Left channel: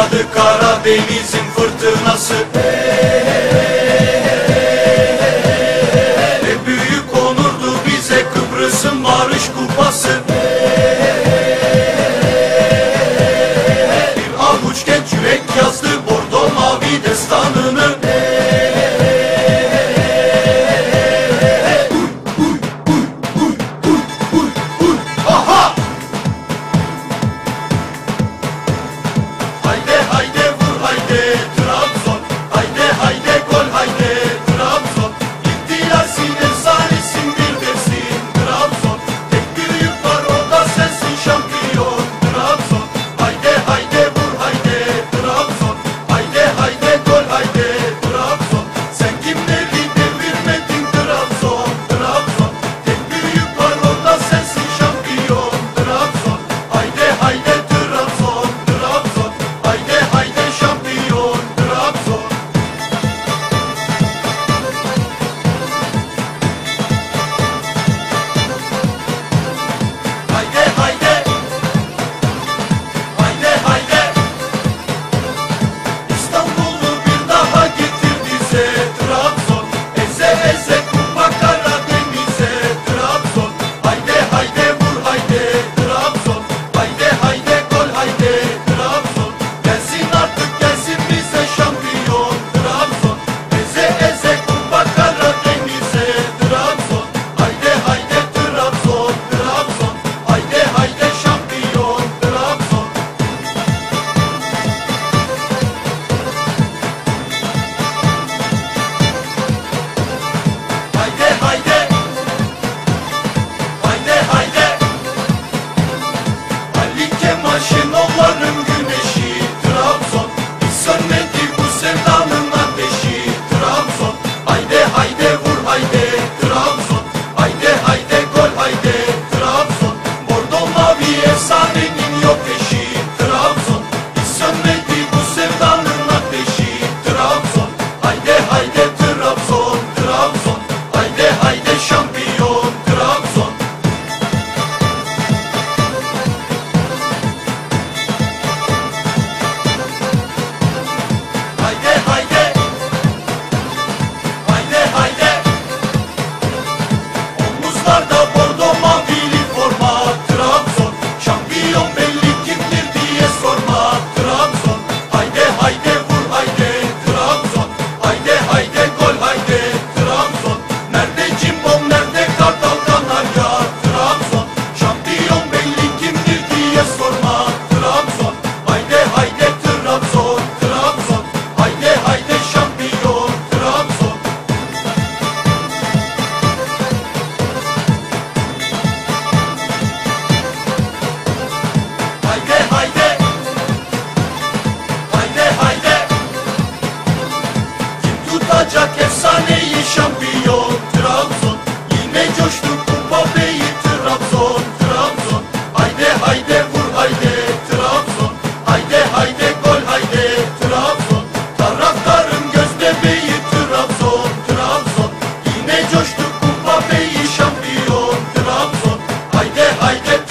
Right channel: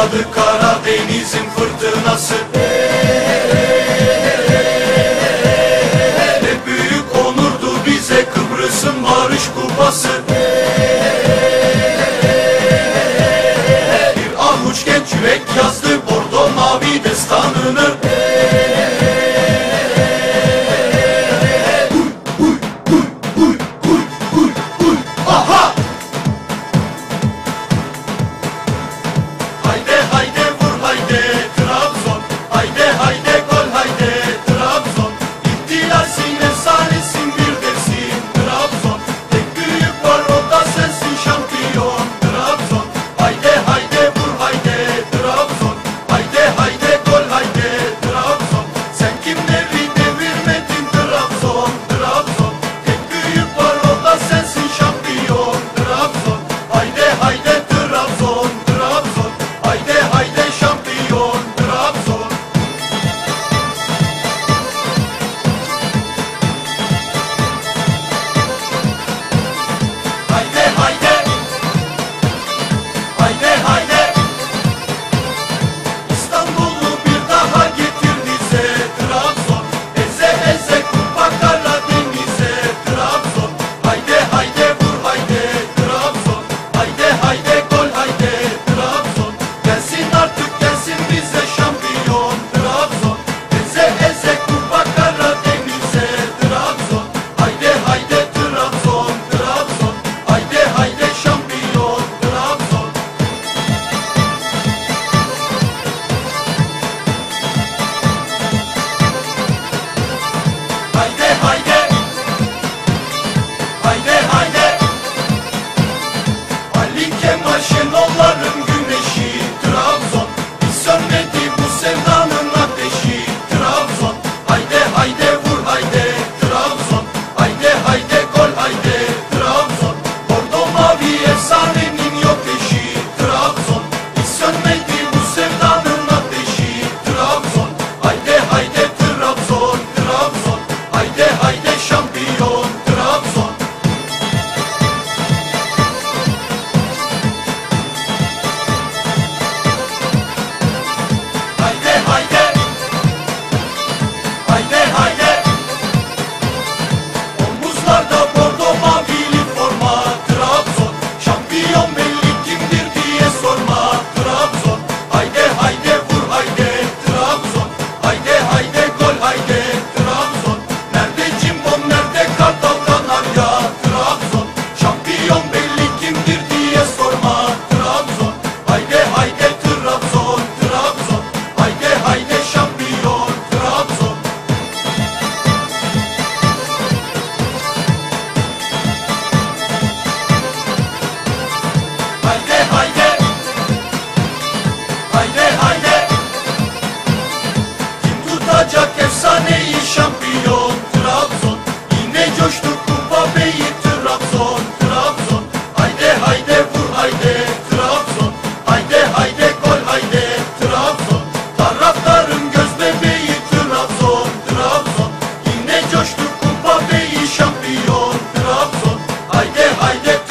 başladı Karadeniz'in fırtınası. Ne büyük onurdu bize Kıbrıs'ın barış kupası. Bir avuç genç yürek yazdı Bordo mavi destanını. bye. olacak efsaneyi şampiyon Trabzon. Yine coştu Kupa Bey'i Trabzon Trabzon. Hayde hayde vur hayde Trabzon. Hayde hayde gol hayde Trabzon. Taraftarın göz bebeği Trabzon Trabzon. Yine coştu Kupa Bey'i şampiyon Trabzon. Hayde hayde